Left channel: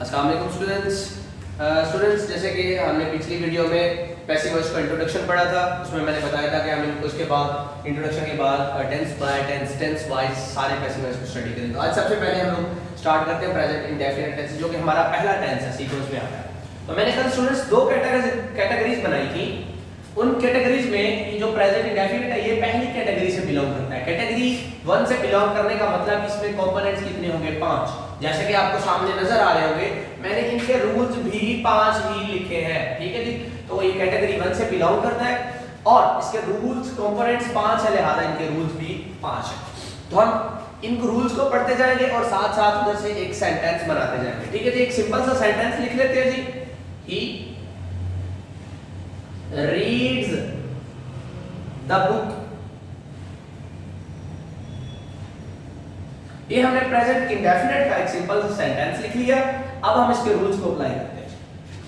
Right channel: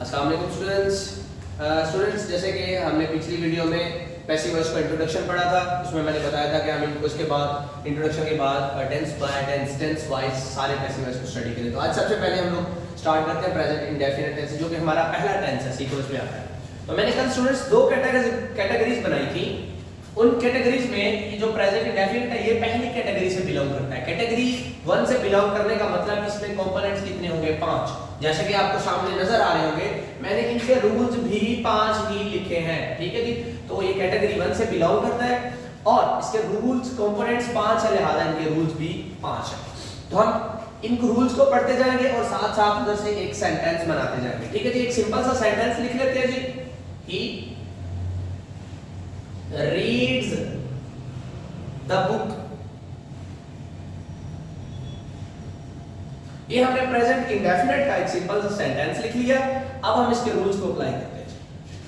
अस्सलाम वालेकुम स्टूडेंट्स, जैसे कि हमने पिछली वीडियो में पैसिव वॉइस का इंट्रोडक्शन पढ़ा था, उसमें मैंने बताया था कि हम उसके बाद इंट्रोडक्शन के बाद tense by tense, tense wise सारे पैसिव वॉइस को स्टडी करें। तो आज सबसे पहले हम लोग स्टार्ट करते हैं प्रेजेंट इंडेफिनिट टेंस, जो कि हमारा पहला टेंस है, सीक्वेंस में आता है। तो मैंने कल स्टूडेंट्स दो कैटेगरीज बनाई थी। उन कैटेगरीज में जो प्रेजेंट इंडेफिनिट है ये पहली कैटेगरी से बिलोंग करता है। कैटेगरी 1 से बिलोंग करने का मतलब इसमें कंपोनेंट्स कितने होंगे? 5। जैसे कि आपको सामने नजर आ रहे होंगे, मैंने इनके रूल्स भी 5 ही लिखे हैं, ठीक है जी। तो ये कैटेगरी 1 से बिलोंग करता है और इसके रूल्स कंपोनेंट्स 5 है, लिहाजा इनके रूल्स भी 5 है। तो हम इन रूल्स को पढ़ते जाएंगे और साथ साथ उधर से एक सेंटेंस बनाते जाएंगे, ठीक है जी। एक सिंपल सा सेंटेंस लिख लेते हैं जी। ही reads the book। ये हमने प्रेजेंट इंडेफिनिट का एक सिंपल सा सेंटेंस लिख लिया। अब हम इसके रूल्स को अप्लाई करते हैं।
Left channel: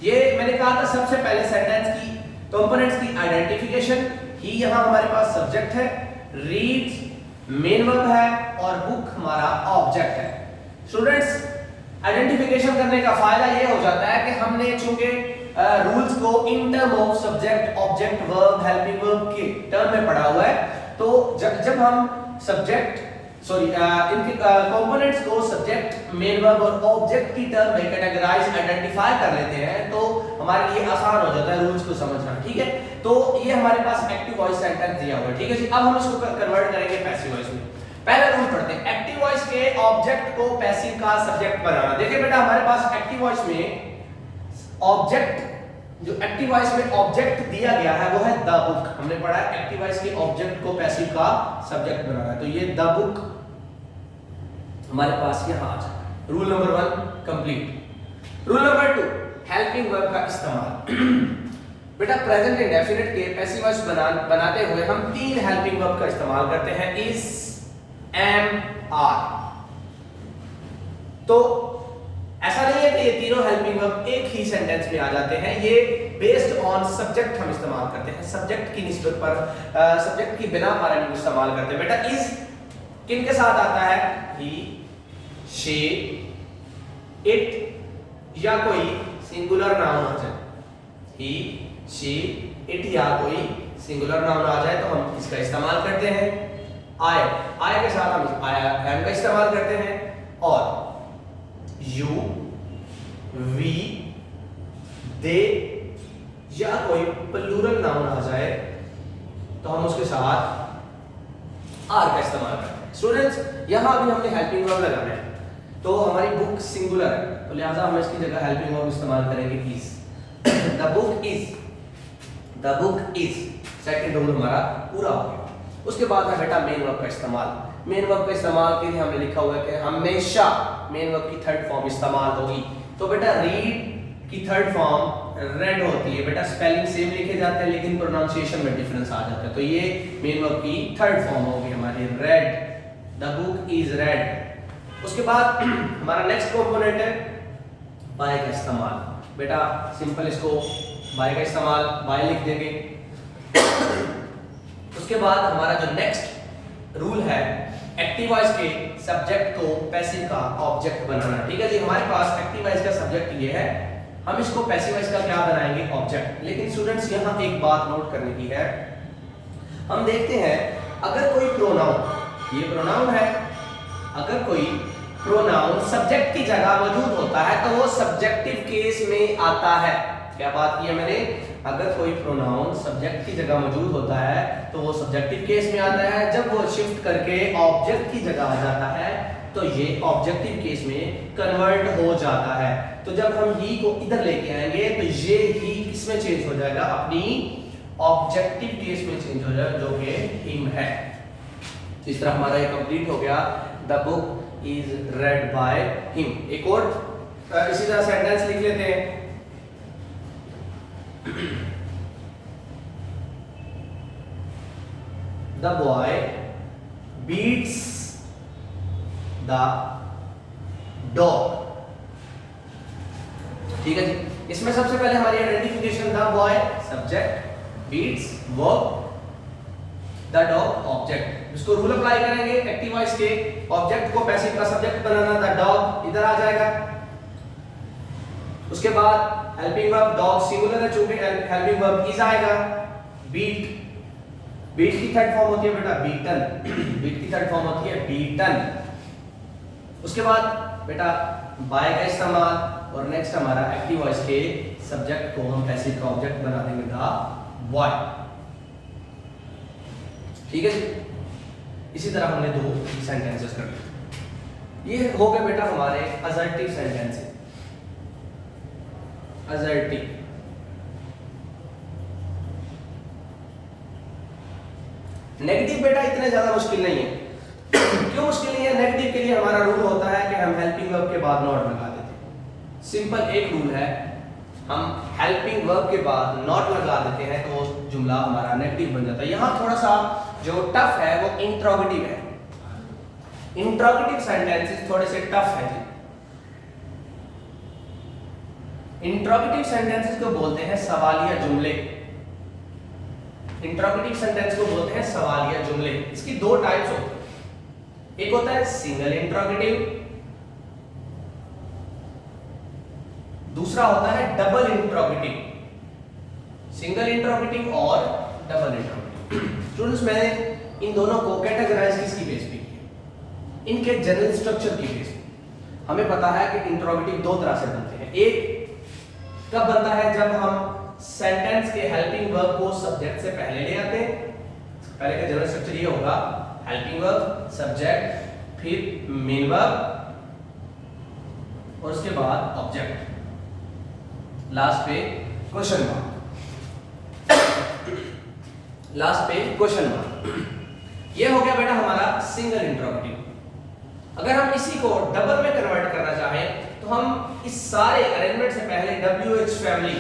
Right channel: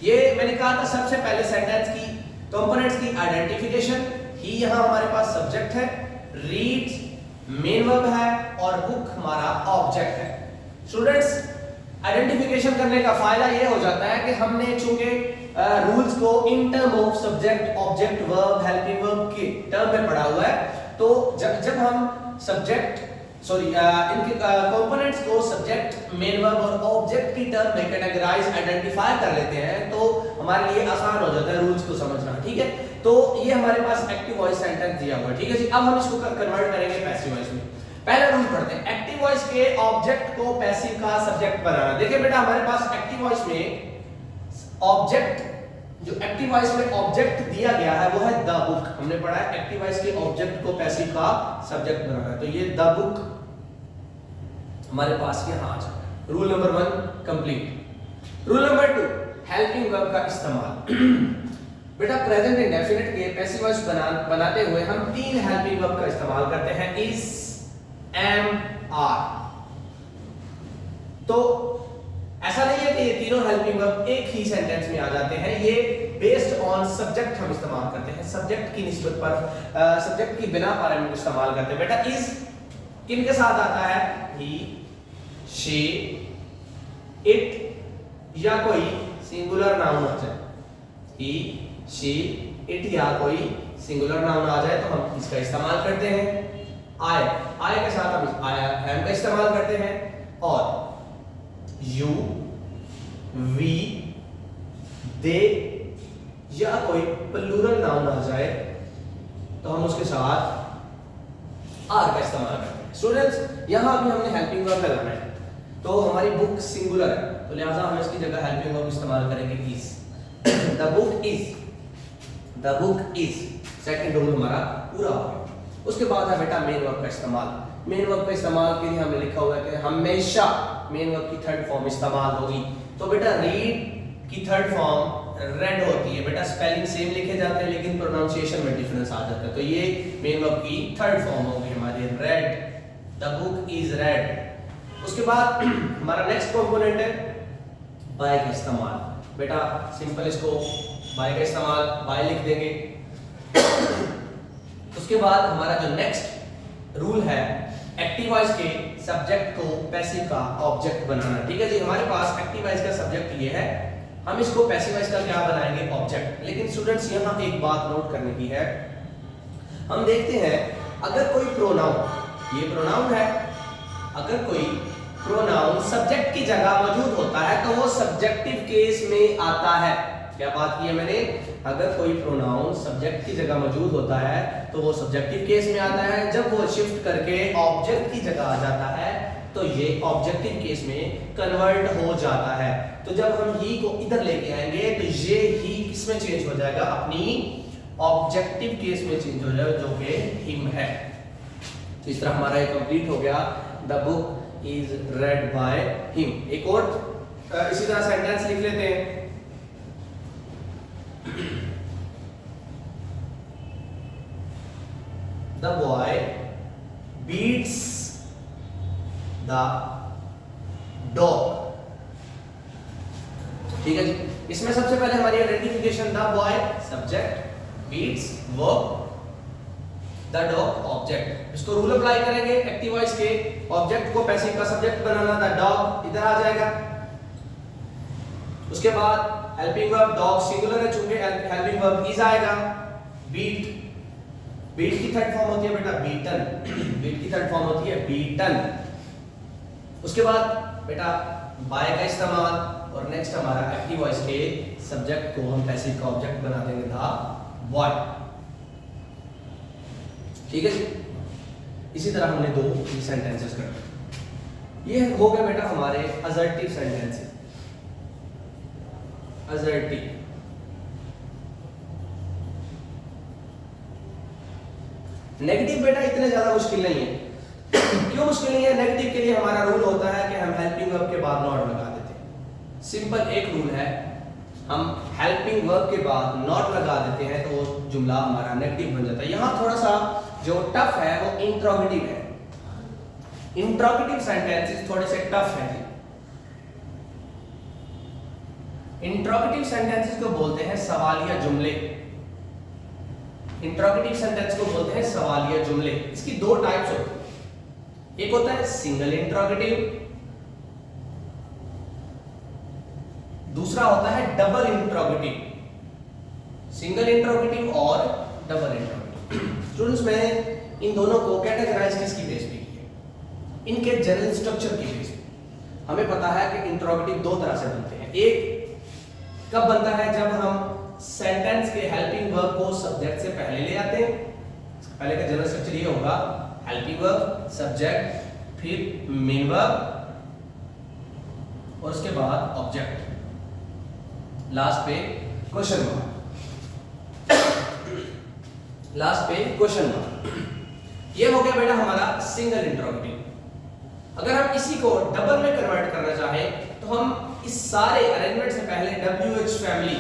ये मैंने कहा था सबसे पहले सेंटेंस की कंपोनेंट्स की आइडेंटिफिकेशन। ही यहां हमारे पास सब्जेक्ट है, रीड्स मेन वर्ब है और बुक हमारा ऑब्जेक्ट है। स्टूडेंट्स, आइडेंटिफिकेशन करने का फायदा ये हो जाता है कि हमने चूंकि रूल्स को in term of subject, object, verb, helping verb के टर्म में पढ़ा हुआ है, तो जब हम सब्जेक्ट इनके कंपोनेंट्स को सब्जेक्ट, मेन वर्ब और ऑब्जेक्ट की टर्म में कैटेगराइज, आइडेंटिफाई कर लेते हैं, तो हमारे लिए आसान हो जाता है रूल्स को समझना, ठीक है। तो ये हमारे पास एक्टिव वॉइस सेंटेंस दिया हुआ है, ठीक है जी। अब हम इसको कन्वर्ट करेंगे पैसिव वॉइस में। पहला रूल पढ़ते हैं, एक्टिव वॉइस के ऑब्जेक्ट को पैसिव का सब्जेक्ट बनाना। देखिए बेटा, हमारे पास एक्टिव वॉइस में ऑब्जेक्ट, जो एक्टिव वॉइस में ऑब्जेक्ट दिया गया है वो है द बुक। हमने पढ़ा है एक्टिव वॉइस के ऑब्जेक्ट को पैसिव का सब्जेक्ट बनाना, तो ये द बुक हमारे पास यहां आ जाए। Rule number 1 complete. Rule number 2, helping verb का इस्तेमाल। बेटा, प्रेजेंट इंडेफिनिट के पैसिव वॉइस बनाते हुए हम 3 हेल्पिंग वर्ब का इस्तेमाल करते हैं, इज, एम, आर। तो ऐसा नहीं है कि ये तीनों हेल्पिंग वर्ब एक ही सेंटेंस में आ जाते हैं, ये बेस्ड ऑन सब्जेक्ट हम इस्तेमाल करते हैं। सब्जेक्ट की निस्बत पर, सब्जेक्ट की बिना पर हम इस्तेमाल करते हैं। बेटा, इज किन के साथ आता है? ही, शी, इट या कोई सिंगुलर नाउन आ जाए। ही, शी, इट या कोई सिंगुलर नाउन आ जाए तो हम इसका इस्तेमाल करते हैं। आई के साथ हम एम का इस्तेमाल करते हैं और यू, वी, दे या कोई प्लूरल नाउन आ जाए तो हम उसके साथ आर का इस्तेमाल करते हैं। स्टूडेंट्स, यहां भी हमने हेल्पिंग वर्ब लगाना है, तो हमारी बुक सिंगुलर है, तो लिहाजा हम इसकी जगह हेल्पिंग वर्ब इस्तेमाल करेंगे is. The book is, the book is, second rule हमारा पूरा हो गया। उसके बाद है बेटा मेन वर्ब का इस्तेमाल। मेन वर्ब का इस्तेमाल के लिए हमने लिखा हुआ है कि हमेशा मेन वर्ब की थर्ड फॉर्म इस्तेमाल होगी। तो बेटा, रीड की थर्ड फॉर्म रेड होती है। बेटा, स्पेलिंग सेम लिखे जाते हैं लेकिन प्रोनाउंसिएशन में डिफरेंस आ जाता है, तो ये मेन वर्ब की थर्ड फॉर्म होगी हमारी, red. The book is red. उसके बाद हमारा नेक्स्ट कंपोनेंट है बाय का इस्तेमाल। बेटा, सिंपल इसको बाय का इस्तेमाल, बाय लिख देंगे। उसके बाद हमारा जो नेक्स्ट रूल है, एक्टिव वॉइस के सब्जेक्ट को पैसिव का ऑब्जेक्ट बनाना, ठीक है जी। हमारे पास एक्टिव वॉइस का सब्जेक्ट ये है, हम इसको पैसिव वॉइस का क्या बनाएंगे? ऑब्जेक्ट। लेकिन स्टूडेंट्स, यहां एक बात नोट करने की है, हम देखते हैं अगर कोई प्रोनाउन, ये प्रोनाउन है, अगर कोई प्रोनाउन सब्जेक्ट की जगह मौजूद होता है तो वो सब्जेक्टिव केस में आता है। क्या बात की है मैंने? अगर कोई प्रोनाउन सब्जेक्ट की जगह मौजूद होता है तो वो सब्जेक्टिव केस में आता है। जब वो शिफ्ट करके ऑब्जेक्ट की जगह आ जाता है तो ये ऑब्जेक्टिव केस में कन्वर्ट हो जाता है। तो जब हम ही को इधर लेके आएंगे तो ये ही किसमें चेंज हो जाएगा? अपनी ऑब्जेक्टिव केस में चेंज हो जाएगा, जो कि हिम है। तो इस तरह हमारा ये कंप्लीट हो गया, the book is red by him. एक और इसी तरह सेंटेंस लिख लेते हैं। The boy beats the dog। ठीक है जी। इसमें सबसे पहले हमारी identification, the boy subject, beats verb, the dog object. इसको रूल अप्लाई करेंगे, एक्टिव वॉइस के ऑब्जेक्ट को पैसिव का सब्जेक्ट बनाना, द डॉग इधर आ जाएगा, उसके बाद हेल्पिंग वर्ब डॉग सिंगुलर है, चूंकि हेल्पिंग वर्ब इज आएगा। बीट, बीट की थर्ड फॉर्म होती है बेटा बीटन, बीट की थर्ड फॉर्म होती है बीटन। उसके बाद बेटा बाय का इस्तेमाल, और नेक्स्ट हमारा एक्टिव वॉइस के सब्जेक्ट को हम पैसिव का ऑब्जेक्ट बना देंगे द बॉय। ठीक है जी। इसी तरह हमने दो सेंटेंसेस कर दिए। ये हो गए बेटा हमारे असर्टिव सेंटेंसेस। असर्टिव, नेगेटिव बेटा इतने ज्यादा मुश्किल नहीं है। क्यों मुश्किल नहीं है? नेगेटिव के लिए हमारा रूल होता है कि हम हेल्पिंग वर्ब के बाद नॉट लगा देते हैं। सिंपल एक रूल है, हम हेल्पिंग वर्ब के बाद नॉट लगा देते हैं तो जुमला हमारा नेगेटिव बन जाता है। यहां थोड़ा सा जो टफ है वो इंट्रोगेटिव है। इंट्रोगेटिव सेंटेंसेस थोड़े से टफ है जी। इंट्रोगेटिव सेंटेंसेस को बोलते हैं सवालिया जुमले। इंट्रोगेटिव सेंटेंस को बोलते हैं सवालिया जुमले। इसकी दो टाइप्स होती हैं, एक होता है सिंगल इंट्रोगेटिव, दूसरा होता है डबल इंट्रोगेटिव। सिंगल इंट्रोगेटिव और डबल इंट्रोगेटिव। स्टूडेंट्स मैंने इन दोनों को कैटेगराइज किसकी बेस पे किया? इनके जनरल स्ट्रक्चर की बेस पे। हमें पता है कि इंट्रोगेटिव दो तरह से बनते हैं। एक कब बनता है? जब हम सेंटेंस के हेल्पिंग वर्ब को सब्जेक्ट से पहले ले आते हैं। पहले का जनरल स्ट्रक्चर ये होगा, हेल्पिंग वर्ब, सब्जेक्ट, फिर मेन वर्ब और उसके बाद ऑब्जेक्ट, लास्ट पे क्वेश्चन मार्क। लास्ट पे क्वेश्चन मार्क। ये हो गया बेटा हमारा सिंगल इंट्रोगेटिव। अगर हम इसी को डबल में कन्वर्ट करना चाहें तो हम इस सारे अरेंजमेंट से पहले WH फैमिली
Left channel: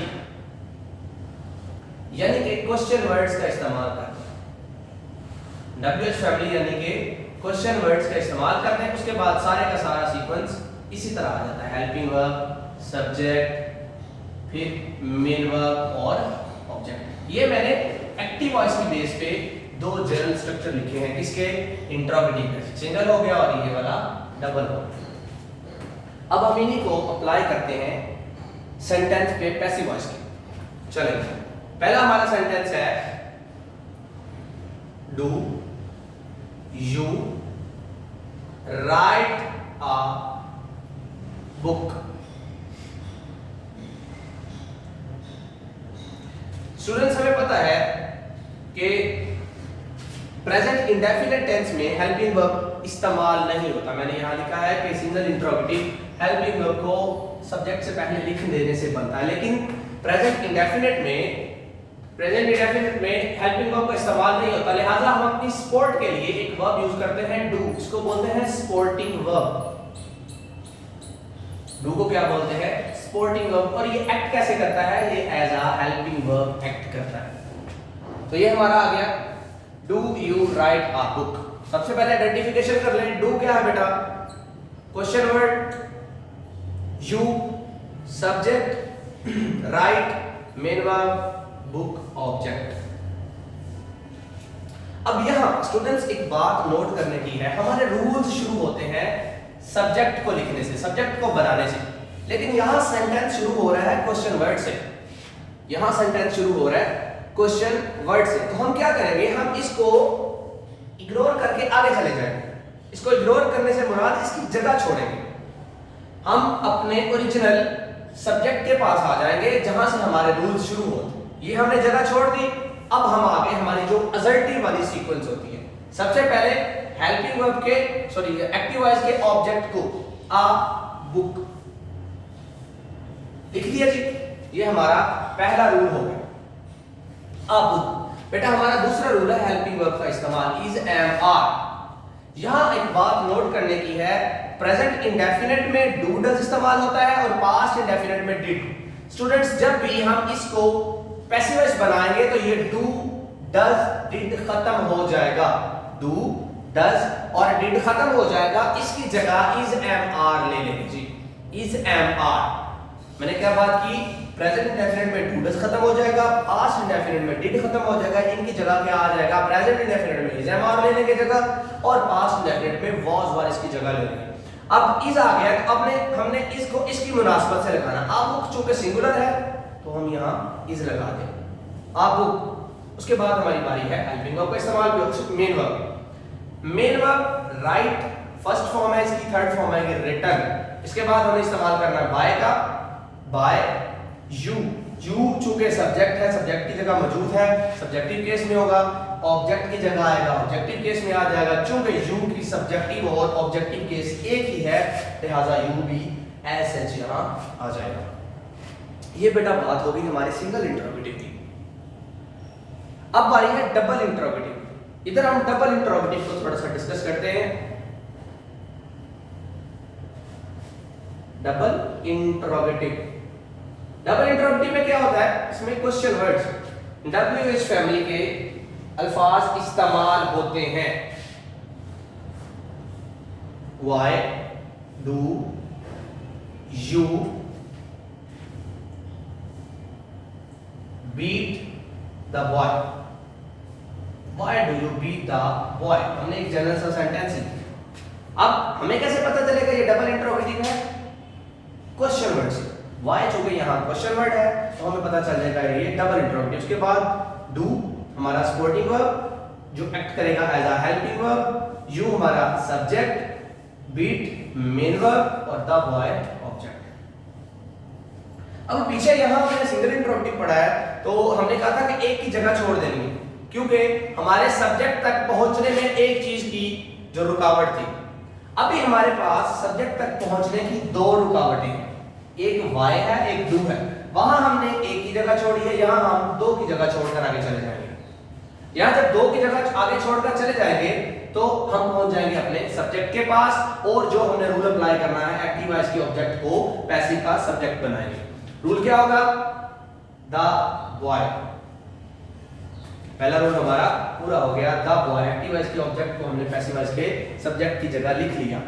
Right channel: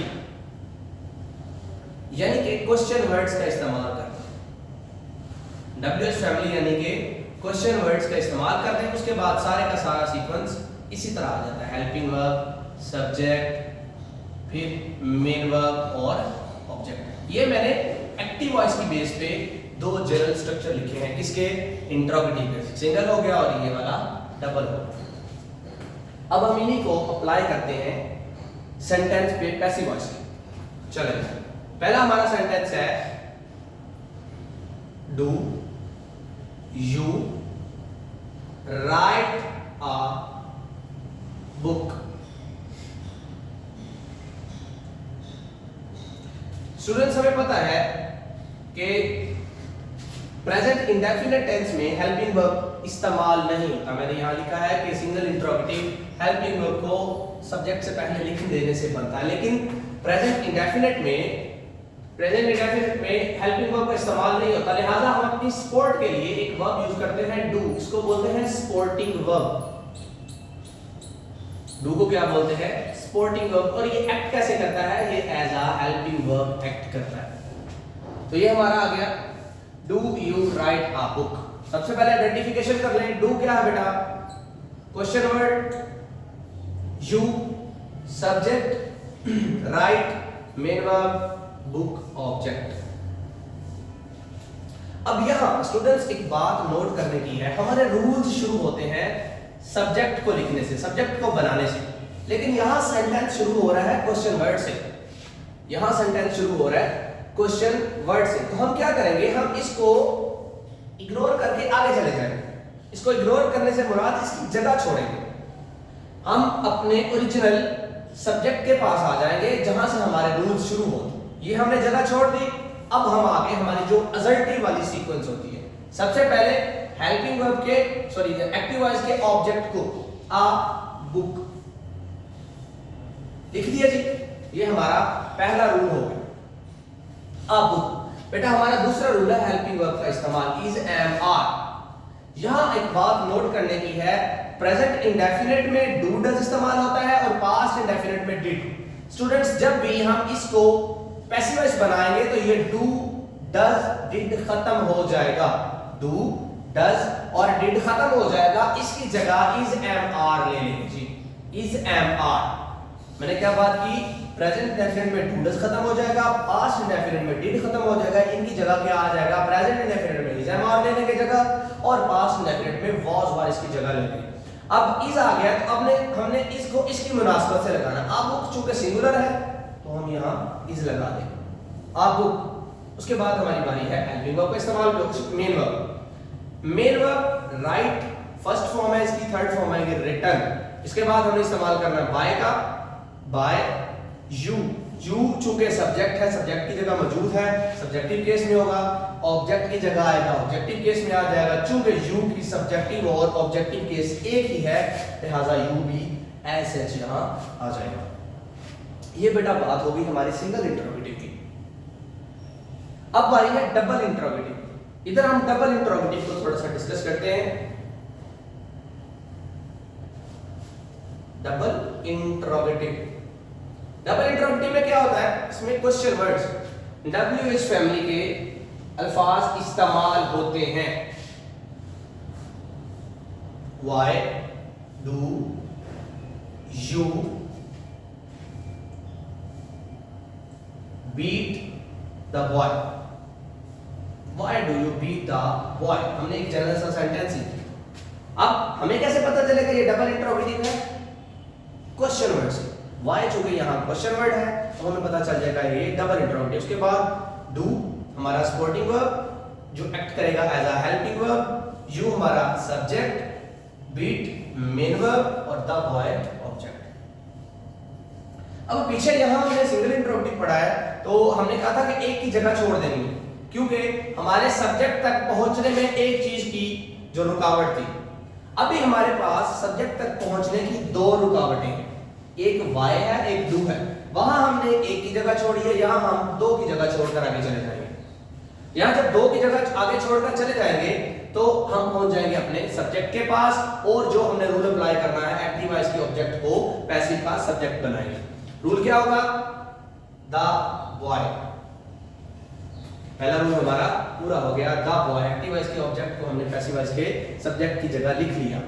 यानी कि क्वेश्चन वर्ड्स का इस्तेमाल करते हैं। WH फैमिली यानी कि क्वेश्चन वर्ड्स का इस्तेमाल करते हैं। उसके बाद सारे का सारा सीक्वेंस इसी तरह आ जाता है, हेल्पिंग वर्ब, सब्जेक्ट, फिर मेन वर्ब और ऑब्जेक्ट। ये मैंने एक्टिव वॉइस की बेस पे दो जनरल स्ट्रक्चर लिखे हैं। किसके? इंट्रोगेटिव पे। सिंगल हो गया और ये वाला डबल हो गया। अब हम इन्हीं को अप्लाई करते हैं सेंटेंस पे पैसिव वॉइस के। चलें, पहला हमारा सेंटेंस है do you write a book. Students हमें पता है कि प्रेजेंट इंडेफिनिट टेंस में हेल्पिंग वर्ब इस्तेमाल नहीं होता। मैंने यहां लिखा है कि सिंगल इंट्रोगेटिव हेल्पिंग वर्ब को सब्जेक्ट से पहले लिख देने से बनता है, लेकिन प्रेजेंट इंडेफिनिट में हेल्पिंग वर्ब का इस्तेमाल नहीं होता। लिहाजा हम अपनी स्पोर्ट के लिए एक वर्ब यूज करते हैं डू। इसको बोलते हैं स्पोर्टिंग वर्ब। डू को क्या बोलते हैं? Sporting verb. और ये एक्ट कैसे करता है? ये as a helping verb act करता है। तो ये हमारा आ गया do you write a book. सबसे पहले आइडेंटिफिकेशन कर लें। डू क्या है बेटा? Question word, you subject, write main verb, book object. अब यहां स्टूडेंट्स एक बात नोट करने की है, हमारे रूल्स शुरू होते हैं सब्जेक्ट को लिखने से, सब्जेक्ट को बनाने से, लेकिन यहां सेंटेंस शुरू हो रहा है क्वेश्चन वर्ड से। यहां सेंटेंस शुरू हो रहा है क्वेश्चन वर्ड से। तो हम क्या करेंगे? हम इसको इग्नोर करके आगे चले जाएंगे। इसको इग्नोर करने से मुराद इसकी जगह छोड़ेंगे। हम अपने ओरिजिनल सब्जेक्ट के पास आ जाएंगे जहां से हमारे रूल्स शुरू होते हैं। ये हमने जगह छोड़ दी। अब हम आगे हमारी जो असर्टिव वाली सीक्वेंस होती है, सबसे पहले हेल्पिंग वर्ब के एक्टिव वॉइस के ऑब्जेक्ट को अ बुक लिख दिया जी। ये हमारा पहला रूल हो गया। A book. बेटा हमारा दूसरा रूल है हेल्पिंग वर्ब का इस्तेमाल, इज, एम, आर। यहां एक बात नोट करने की है, प्रेजेंट इंडेफिनिट में डू डज इस्तेमाल होता है और पास्ट इंडेफिनिट में डिड। स्टूडेंट्स जब भी हम इसको पैसिव वॉइस बनाएंगे तो ये डू डज डिड खत्म हो जाएगा। डू डज और डिड खत्म हो जाएगा। इसकी जगह इज, एम, आर ले लेंगे जी। Is, M, are. मैंने क्या बात की? प्रेजेंट इंडेफिनिट में डू डज खत्म हो जाएगा, पास्ट इंडेफिनिट में डिड खत्म हो जाएगा। इनकी जगह क्या आ जाएगा? प्रेजेंट इंडेफिनिट में इज, एम, आर लेने की जगह और पास्ट इंडेफिनिट में वाज वर इसकी जगह ले लेंगे। अब इज आ गया तो हमने इसको इसकी मुनासबत से लगाना। अब बुक चूंकि सिंगुलर है तो हम यहाँ इज लगा दें, अब बुक। उसके बाद हमारी बारी है हेल्पिंग वर्ब का इस्तेमाल, main verb. Main verb right first form है इसकी, थर्ड फॉर्म है रिटर्न। इसके बाद हमें इस्तेमाल करना है बाय का, बाय यू। यू चूंकि सब्जेक्ट है, सब्जेक्ट की जगह मौजूद है, सब्जेक्टिव केस में होगा। ऑब्जेक्ट की जगह आएगा, ऑब्जेक्टिव केस में आ जाएगा। चूंकि यू की सब्जेक्टिव और ऑब्जेक्टिव केस एक ही है, लिहाजा यू भी एज सच यहां आ जाएगा। ये बेटा बात होगी हमारे सिंगल इंटरोगेटिव की। अब बारी है डबल इंटरोगेटिव। इधर हम डबल इंटरोगेटिव को थोड़ा सा डिस्कस करते हैं। डबल इंटरोगेटिव, डबल इंटरोगेटिव में क्या होता है, इसमें क्वेश्चन वर्ड्स WH फैमिली के अल्फाज इस्तेमाल होते हैं। Why do you beat the boy? Why do you beat the boy? हमने एक जनरल सा सेंटेंस ही। अब हमें कैसे पता चलेगा ये डबल इंटरोगेटिव है? क्वेश्चन वर्ड से। वाई चूंकि यहाँ क्वेश्चन वर्ड है तो हमें पता चल जाएगा ये डबल इंटरोगेटिव। उसके बाद डू हमारा सपोर्टिंग वर्ब जो एक्ट करेगा as a helping verb, you हमारा सब्जेक्ट, बीट मेन वर्ब और द बॉय ऑब्जेक्ट। अब पीछे यहाँ हमने सिंगल इंटरोगेटिव पढ़ा है तो हमने कहा था कि एक की जगह छोड़ देनी है, क्योंकि हमारे सब्जेक्ट तक पहुंचने में एक चीज की जो रुकावट थी। अभी हमारे पास सब्जेक्ट तक पहुंचने की दो रुकावटें हैं, एक वाई है एक डू है। वहां हमने एक की जगह छोड़ी है, यहां हम दो की जगह छोड़कर आगे चले जाएंगे। यहां जब दो की जगह आगे छोड़कर चले जाएंगे तो हम पहुंच जाएंगे अपने सब्जेक्ट के पास, और जो हमने रूल अप्लाई करना है एक्टिव वॉइस के ऑब्जेक्ट को पैसिव का सब्जेक्ट बनाएंगे। रूल क्या होगा, द बॉय। पहला रूल हमारा पूरा हो गया, द बॉय एक्टिव वॉइस के ऑब्जेक्ट को हमने पैसिव वॉइस के सब्जेक्ट की जगह लिख लिया।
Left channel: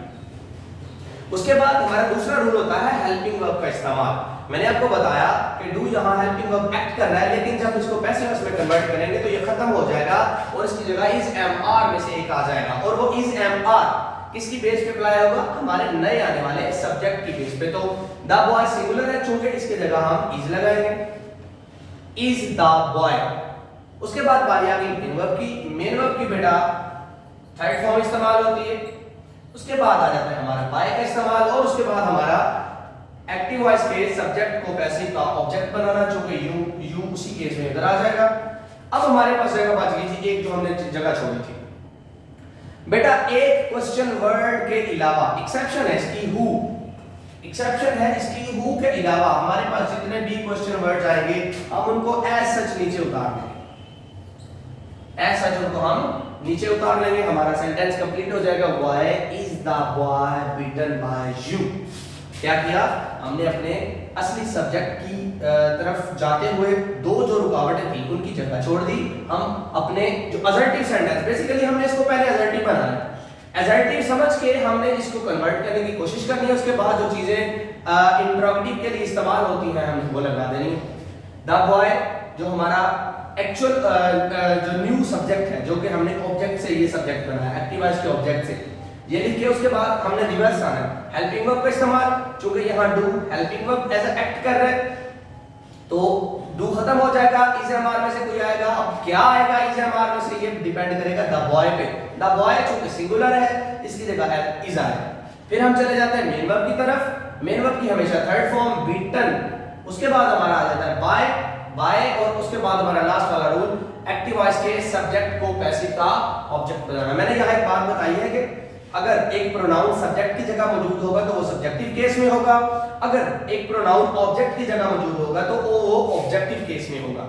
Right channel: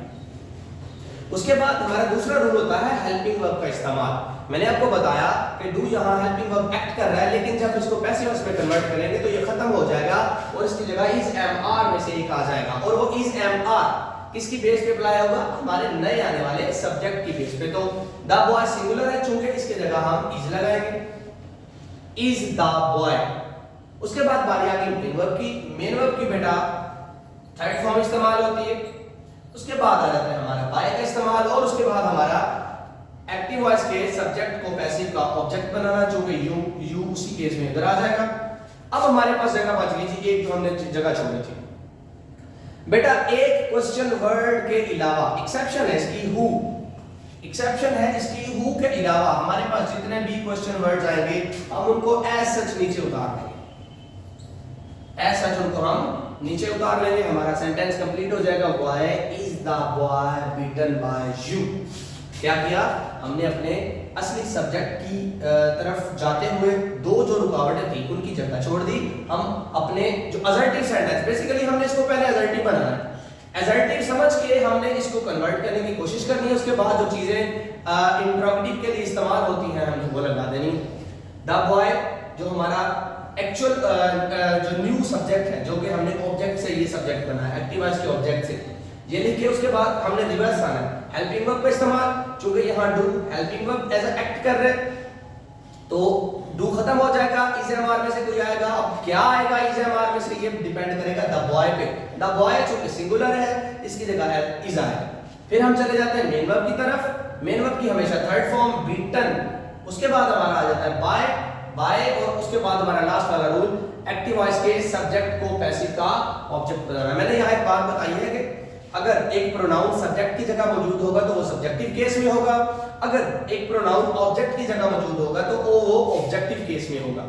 उसके बाद हमारा दूसरा रूल होता है हेल्पिंग वर्ब का इस्तेमाल। मैंने आपको बताया कि डू यहाँ हेल्पिंग वर्ब एक्ट कर रहा है, लेकिन जब इसको पैसिव वॉइस में कन्वर्ट करेंगे तो ये खत्म हो जाएगा और इसकी जगह इज एम आर में से एक आ जाएगा। और वो इज एम आर किसकी बेस पे अप्लाई होगा, हमारे नए आने वाले सब्जेक्ट की बेस पे। तो द बॉय सिंगुलर है, चूंकि इसकी जगह हम इज लगाएंगे, इज द बॉय। उसके बाद बारी आ गई मेन वर्ब की। मेन वर्ब की बेटा थर्ड फॉर्म इस्तेमाल होती है। उसके बाद आ जाता है हमारा बाय का इस्तेमाल, और उसके बाद हमारा एक्टिव वॉइस के सब्जेक्ट को पैसिव का ऑब्जेक्ट बनाना, जो कि यू उसी केस में इधर आ जाएगा। अब हमारे पास जगह बच गई थी एक जो हमने जगह छोड़ी थी। बेटा एक क्वेश्चन वर्ड के अलावा एक्सेप्शन है इसकी हु, एक्सेप्शन है इसकी हु के अलावा हमारे पास जितने भी क्वेश्चन वर्ड्स आएंगे हम उनको एज सच नीचे उतार देंगे, एज सच उनको हम नीचे उतार लेंगे। हमारा सेंटेंस कंप्लीट हो जाएगा, why is the boy beaten by you. क्या किया हमने, अपने असली सब्जेक्ट की तरफ जाते हुए दो जो रुकावटें थी उनकी जगह छोड़ दी। हम अपने जो असर्टिव सेंटेंस, बेसिकली हमने इसको पहले असर्टिव बनाना है, असर्टिव समझ के हमने इसको कन्वर्ट करने की कोशिश करनी है। उसके बाद जो चीजें इंट्रोगेटिव के लिए इस्तेमाल होती हैं हमने वो लगा देनी। द बॉय जो हमारा एक्चुअल जो न्यू सब्जेक्ट है, जो कि हमने ऑब्जेक्ट से ये सब्जेक्ट बना है, एक्टिव वॉइस के ऑब्जेक्ट से ये लिख के उसके बाद हमने रिवर्स आना है हेल्पिंग वर्ब का इस्तेमाल। चूंकि यहाँ do helping verb as act कर रहे तो डू खत्म हो जाएगा, इज एम आर में से कोई आएगा। अब क्या आएगा इज एम आर में से, ये डिपेंड करेगा द बॉय पे। द बॉय चूंकि सिंगुलर है इसकी जगह इज आएगा। फिर हम चले जाते हैं मेन वर्ब की तरफ। मेन वर्ब की हमेशा थर्ड फॉर्म बीटन, उसके बाद हमारा आ जाता है बाय, बाय, और उसके बाद हमारा लास्ट वाला रूल एक्टिव वॉइस के सब्जेक्ट को पैसिव का ऑब्जेक्ट बनाना। मैंने यहाँ एक बात बताई है कि अगर एक प्रोनाउन सब्जेक्ट की जगह मौजूद होगा तो वो सब्जेक्टिव केस में होगा, अगर एक प्रोनाउन ऑब्जेक्ट की जगह मौजूद होगा तो वो ऑब्जेक्टिव केस में होगा।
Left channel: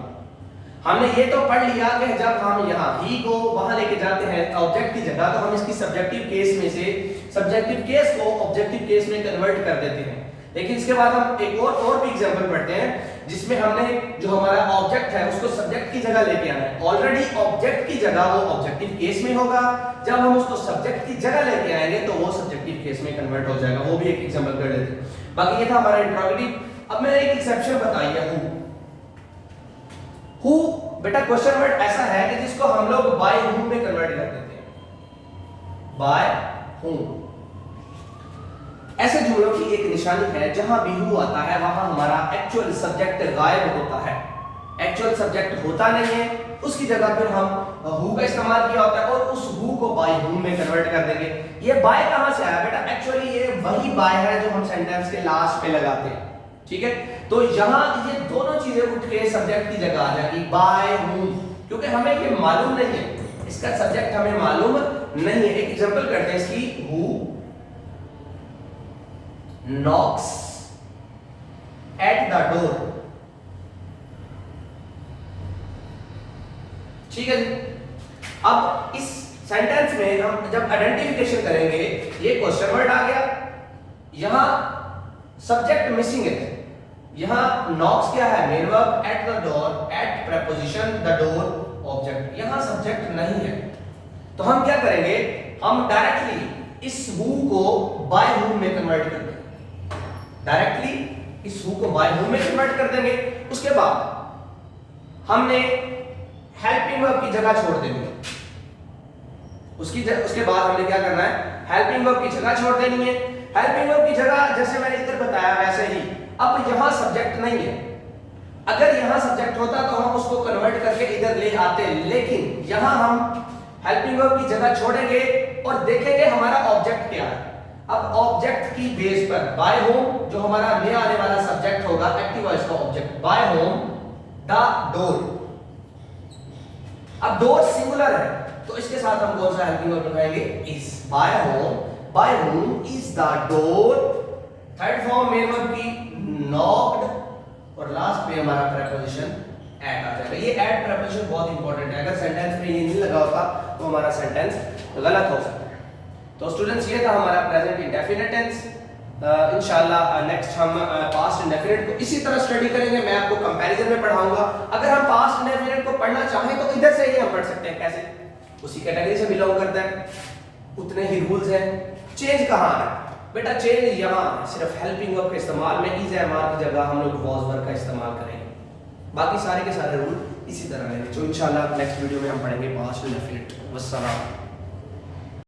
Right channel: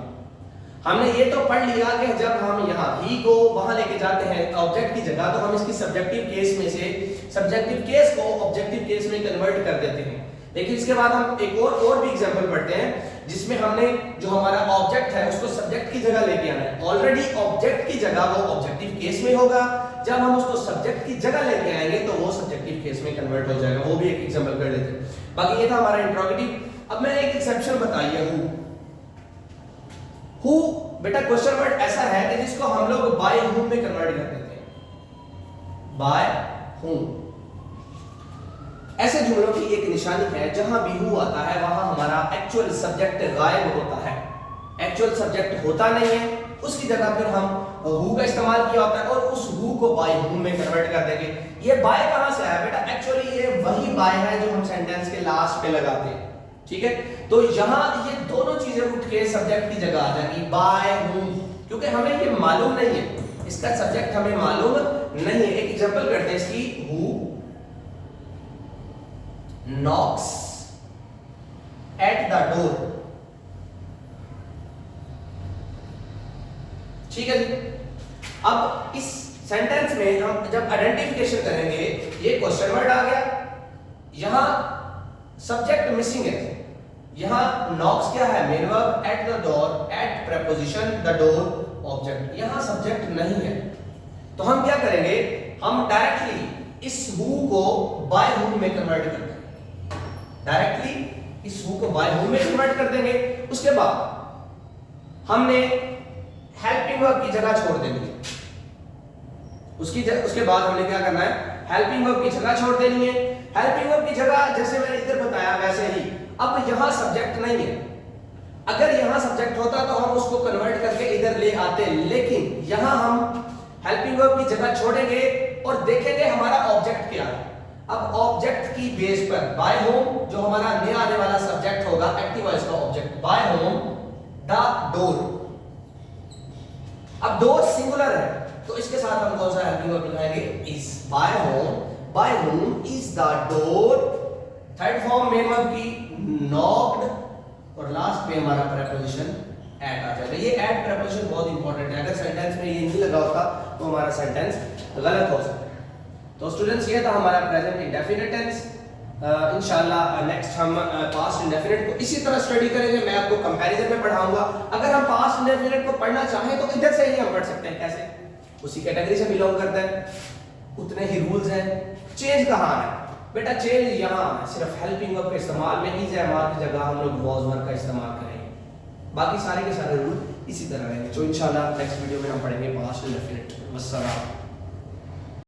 हमने ये तो पढ़ लिया कि जब हम यहाँ ही को वहां लेके जाते हैं ऑब्जेक्ट की जगह तो हम इसकी सब्जेक्टिव केस में से सब्जेक्टिव केस को ऑब्जेक्टिव केस में कन्वर्ट कर देते हैं। लेकिन इसके बाद हम एक और भी एग्जांपल पढ़ते हैं जिसमें हमने जो हमारा ऑब्जेक्ट है उसको सब्जेक्ट की जगह लेके आना है। ऑलरेडी ऑब्जेक्ट की जगह वो ऑब्जेक्टिव केस में होगा, जब हम उसको सब्जेक्ट की जगह लेके आएंगे तो वो सब्जेक्टिव केस में कन्वर्ट हो जाएगा। वो भी एक एग्जांपल कर लेते हैं। बाकी ये था हमारा इंट्रोगेटिव। अब मैंने एक एक्सेप्शन बताई है हु। बेटा क्वेश्चन वर्ड ऐसा है कि जिसको हम लोग बाय whom में कन्वर्ट कर देते हैं, बाय whom। ऐसे जुमलों की एक निशानी है जहां भी हु आता है वहां हमारा एक्चुअल सब्जेक्ट गायब होता है, एक्चुअल सब्जेक्ट होता नहीं है, उसकी जगह फिर हम हु का इस्तेमाल किया होता है और उस हु को बाय हूम में कन्वर्ट कर देंगे। ये बाय कहां से आया बेटा? एक्चुअली ये वही बाय है जो हम सेंटेंस के लास्ट पे लगाते हैं, ठीक है। तो यहां ये दोनों चीजें उठ के सब्जेक्ट की जगह आ जाएगी, बाय हूम, क्योंकि हमें ये मालूम नहीं है, इसका सब्जेक्ट हमें मालूम नहीं है। एक एग्जांपल करते हैं इसकी, who knocks at the door, ठीक है जी। अब इस सेंटेंस में हम जब आइडेंटिफिकेशन करेंगे, ये क्वेश्चन वर्ड आ गया, यहां सब्जेक्ट मिसिंग है, यहां knocks क्या है? Main verb, at the door, at preposition, the door object, यहां सब्जेक्ट नहीं है। तो हम क्या करेंगे? हम डायरेक्टली इस हु को बाय हूम में कन्वर्ट कर देंगे, डायरेक्टली इस हु को बाय हूम में कन्वर्ट कर देंगे। उसके बाद हमने हेल्पिंग वर्ब की जगह छोड़ देनी है, उसके बाद हमने क्या करना है? हेल्पिंग वर्ब की जगह छोड़ देनी है। हेल्पिंग वर्ब की जगह जैसे मैंने इधर बताया वैसे ही, अब यहां सब्जेक्ट नहीं है, अगर यहां सब्जेक्ट होता तो हम उसको कन्वर्ट करके इधर ले आते, लेकिन यहां हम हेल्पिंग वर्ब की जगह छोड़ेंगे और देखेंगे हमारा ऑब्जेक्ट क्या है। अब ऑब्जेक्ट की बेस पर बाय होम जो हमारा नया आने वाला सब्जेक्ट होगा, एक्टिव वॉइस का object, by whom the door. अब डोर सिंगुलर है तो इसके साथ हम कौन सा हेल्पिंग वर्ब लगाएंगे? Is. By whom is the door. Third form main verb की नॉक्ड, और लास्ट में हमारा प्रीपोजिशन एट आ जाएगा। ये एट प्रीपोजिशन बहुत इंपॉर्टेंट है, अगर सेंटेंस में ये नहीं लगा होता तो हमारा सेंटेंस गलत हो सकता है। तो स्टूडेंट्स ये था हमारा प्रेजेंट इंडेफिनिट टेंस। इंशाल्लाह नेक्स्ट हम पास्ट इंडेफिनिट को इसी तरह स्टडी करेंगे, मैं आपको कंपैरिजन में पढ़ाऊंगा। अगर हम पास्ट इंडेफिनिट को पढ़ना चाहें तो इधर से ही हम पढ़ सकते हैं, कैसे? उसी कैटेगरी से बिलोंग करता है, उतने ही रूल्स हैं। चेंज कहाँ है बेटा? चेंज यहाँ सिर्फ हेल्पिंग वर्ब के इस्तेमाल में, इज एम आर की जगह हम लोग वाज वर्ब का इस्तेमाल करेंगे, बाकी सारे के सारे रूल इसी तरह रहेंगे। तो इंशाल्लाह नेक्स्ट वीडियो में हम पढ़ेंगे पास्ट इंडेफिनिट। वस्सलाम।